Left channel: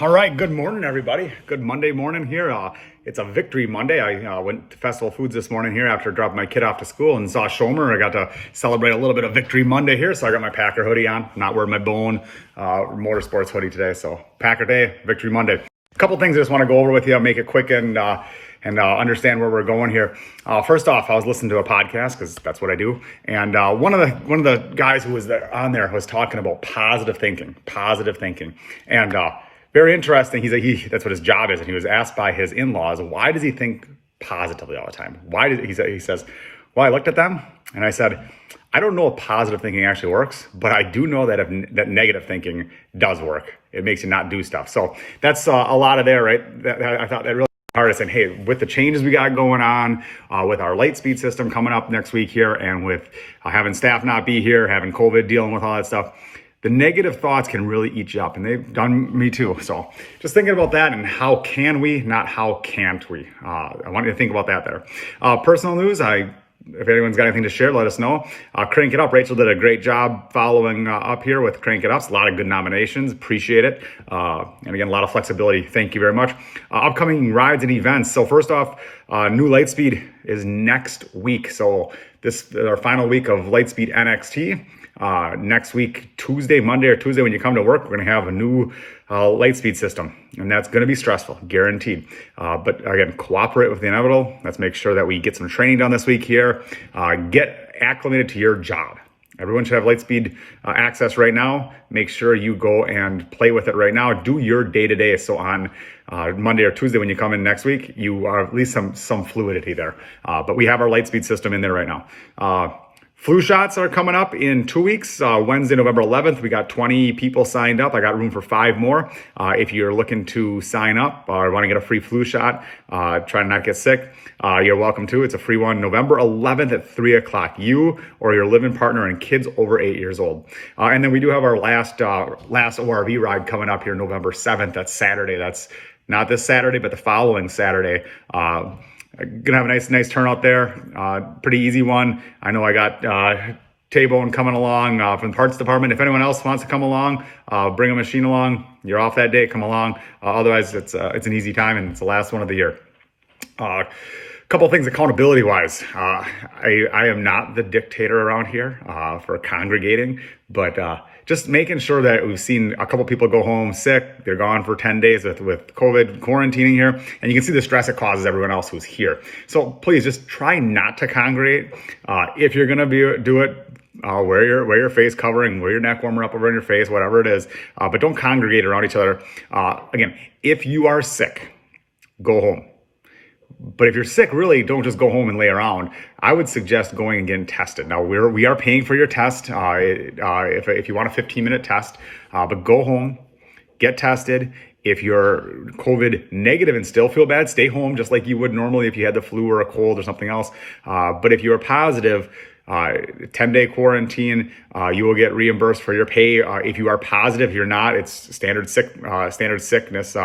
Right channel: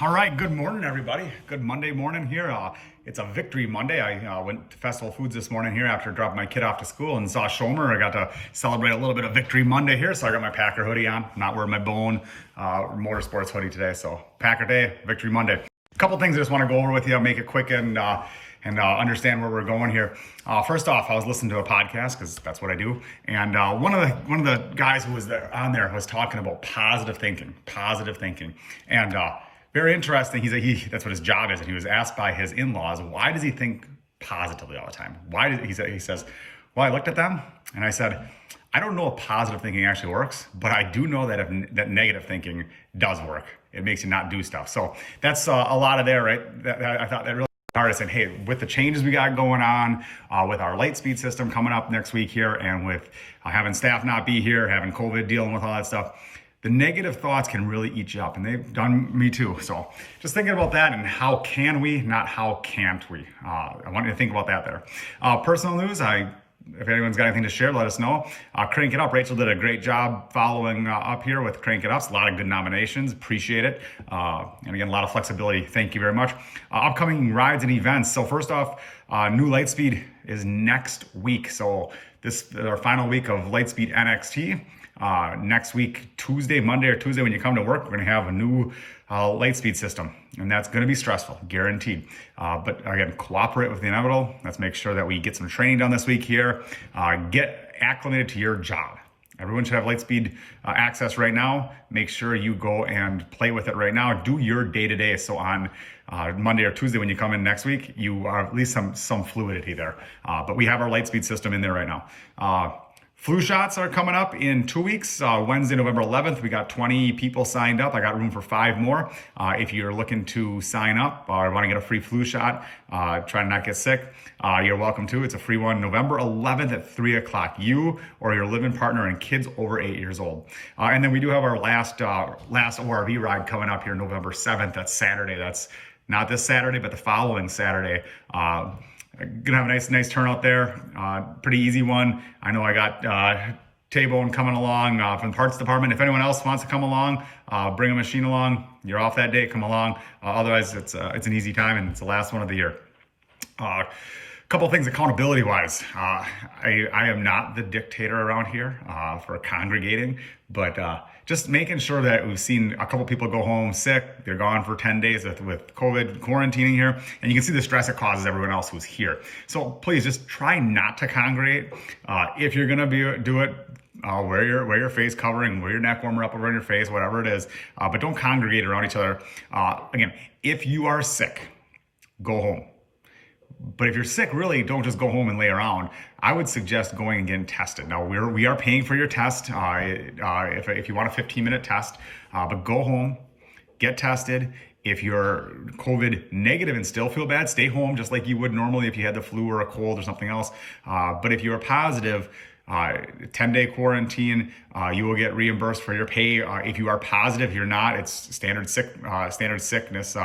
All right, good morning, everybody. Good Monday morning here. It's a Victory Monday. I went to Festival Foods this morning here after dropping my kid off to school and saw Schomer. I got to celebrate a little bit of Victory Monday here, so I got my Packer hoodie on. I'm not wearing my Bone Motorsports hoodie today, so Packer Day, Victory Monday. A couple things I just want to go over with you. I'll make it quick and understand where we're going here. First off, I was listening to a podcast because that's what I do, and one of the guys who was on there was talking about positive thinking, and very interesting. That's what his job is, and he was asked by his in-laws, why does he think positively all the time? He says, well, I looked at them and I said, I don't know if positive thinking actually works, but I do know that that negative thinking does work. It makes you not do stuff. So that's a lot of there, right? I thought that really hard. Saying, hey, with the changes we got going on, with our Lightspeed system coming up next week here, and with having staff not be here, having COVID, dealing with all that stuff, the negative thoughts can really eat you up, and they've done me too. So just thinking about that and how can we, not how can't we. I want you to think about that there. Personal news, if anyone's got anything to share, let us know. Crank It Up. Rachel did a great job following up here with Crank It Up. A lot of good nominations. Appreciate it. And again, a lot of flexibility. Thank you very much. Upcoming rides and events. So first off, new Lightspeed is next week. So this is our final week of Lightspeed NXT. Next week, Monday or Tuesday, when you come to work, we're going to have a new Lightspeed system, and that's going to be stressful, guaranteed. But again, cooperate with the inevitable. Let's make sure that we get some training done this week here. Get acclimated to your job. Everyone should have Lightspeed access right now. Make sure you go and play with it right now. Do your day-to-day. So on Monday or Tuesday when you come in next week, you are at least some fluidity there. But we have our Lightspeed system in there right now. Flu shots are coming up in 2 weeks. Wednesday, November 11th, we got 20 people signed up. I got room for 5 more. If you're looking to sign up or want to get a free flu shot, try to not get sick, you're welcome to. It's a free one, November 11th at 3 o'clock. You or your living partner and kids over 8 years old. And then we do have our last ORV ride coming up here, November 7th. That's Saturday. That's not this Saturday, but the following Saturday. Gonna have a nice turnout there. Pretty easy one. I know I got T-Bone coming along from the parts department. If anyone else wants to come along, bring a machine along. You're off that day, come along. Otherwise, it's an easy time, and it's the last one of the year. Couple of things accountability wise. I am not the dictator around here for congregating, but just making sure that we've seen a couple people go home sick. They're gone for 10 days with COVID quarantining here, and you can see the stress it causes everyone else who's here. So please just try not to congregate. If you're gonna do it, wear your face covering, wear your neck warmer up over your face, whatever it is, but don't congregate around each other. Again, if you are sick, go home. But if you're sick, really don't just go home and lay around. I would suggest going and getting tested. Now we are paying for your test if you want a 15-minute test, but go home, get tested. If you're COVID negative and still feel bad, stay home just like you would normally if you had the flu or a cold or something else. But if you're positive, 10-day quarantine, you will get reimbursed for your pay. If you are positive, you're not, it's standard sickness.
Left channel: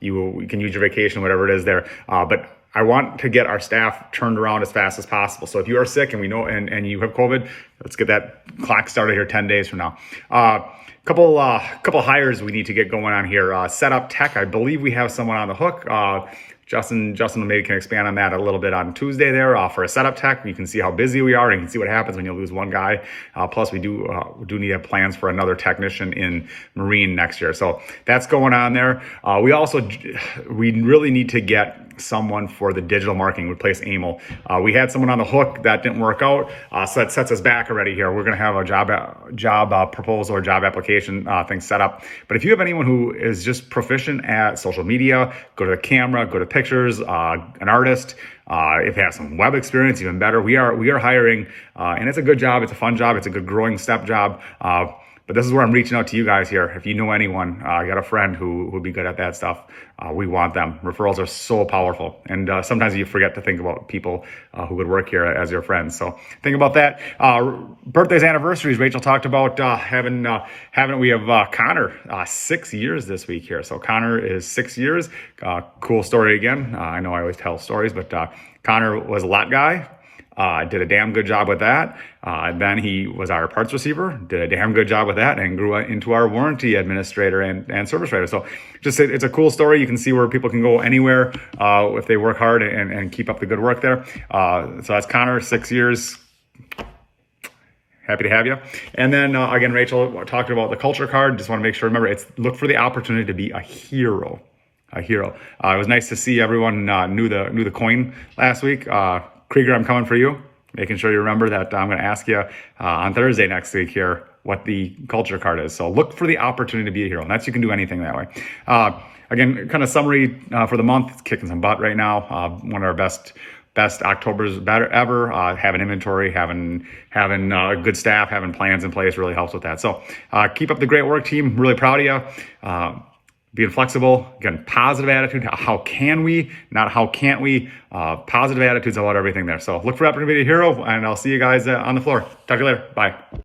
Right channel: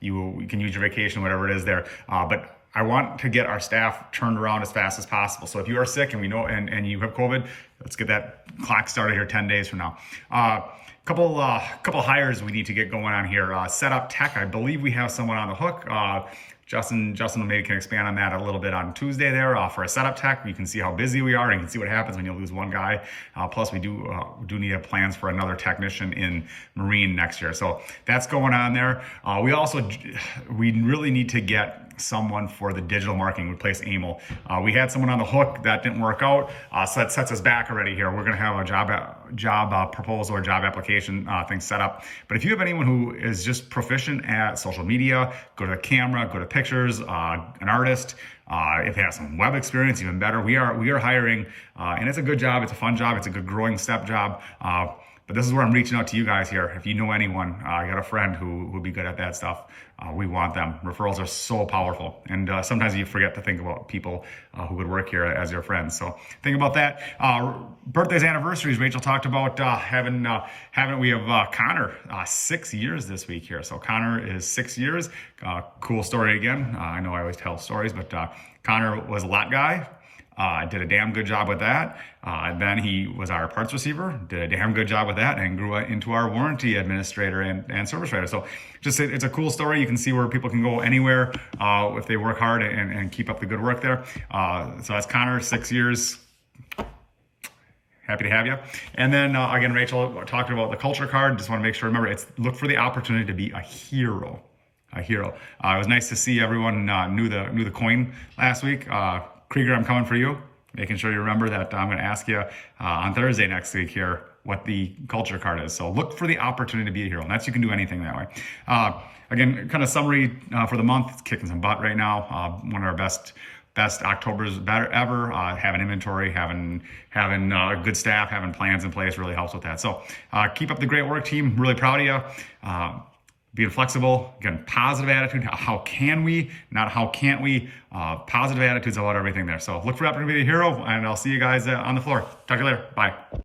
You can use your vacation, whatever it is there. But I want to get our staff turned around as fast as possible. So if you are sick and we know, and you have COVID, let's get that clock started here 10 days from now. Couple hires we need to get going on here. Setup tech, I believe we have someone on the hook. Justin maybe can expand on that a little bit on Tuesday there for a setup tech. You can see how busy we are, and you can see what happens when you lose one guy. Plus, we do need to have plans for another technician in Marine next year. So that's going on there. We really need to get someone for the digital marketing, replace Emil. We had someone on the hook that didn't work out, so that sets us back already here. We're going to have a job proposal or job application thing set up. But if you have anyone who is just proficient at social media, go to the camera, go to pictures, an artist, if they have some web experience, even better. We are hiring, and it's a good job. It's a fun job. It's a good growing step job. But this is where I'm reaching out to you guys here. If you know anyone, you got a friend who would be good at that stuff, we want them. Referrals are so powerful. And sometimes you forget to think about people who would work here as your friends. So think about that. Birthdays, anniversaries, Rachel talked about we have Connor, 6 years this week here. So Connor is 6 years. Cool story again. I know I always tell stories, but Connor was a lot guy. Did a damn good job with that. Then he was our parts receiver, did a damn good job with that, and grew into our warranty administrator and service writer. So just it's a cool story. You can see where people can go anywhere if they work hard and keep up the good work there. So that's Connor, 6 years. Happy to have you. And then again, Rachel talked about the culture card. Just want to make sure, remember, it's look for the opportunity to be a hero. A hero. It was nice to see everyone knew the coin last week. Krieger, I'm coming for you. Making sure you remember that I'm going to ask you on Thursday next week here what the culture card is. So look for the opportunity to be a hero. And that's, you can do anything that way. Again, kind of summary for the month. It's kicking some butt right now. One of our best October's ever. Having inventory, having good staff, having plans in place really helps with that. So keep up the great work, team. Really proud of you. Being flexible, again, positive attitude. How can we, not how can't we? Positive attitudes about everything there. So look for opportunity to be a hero, and I'll see you guys on the floor. Talk to you later. Bye.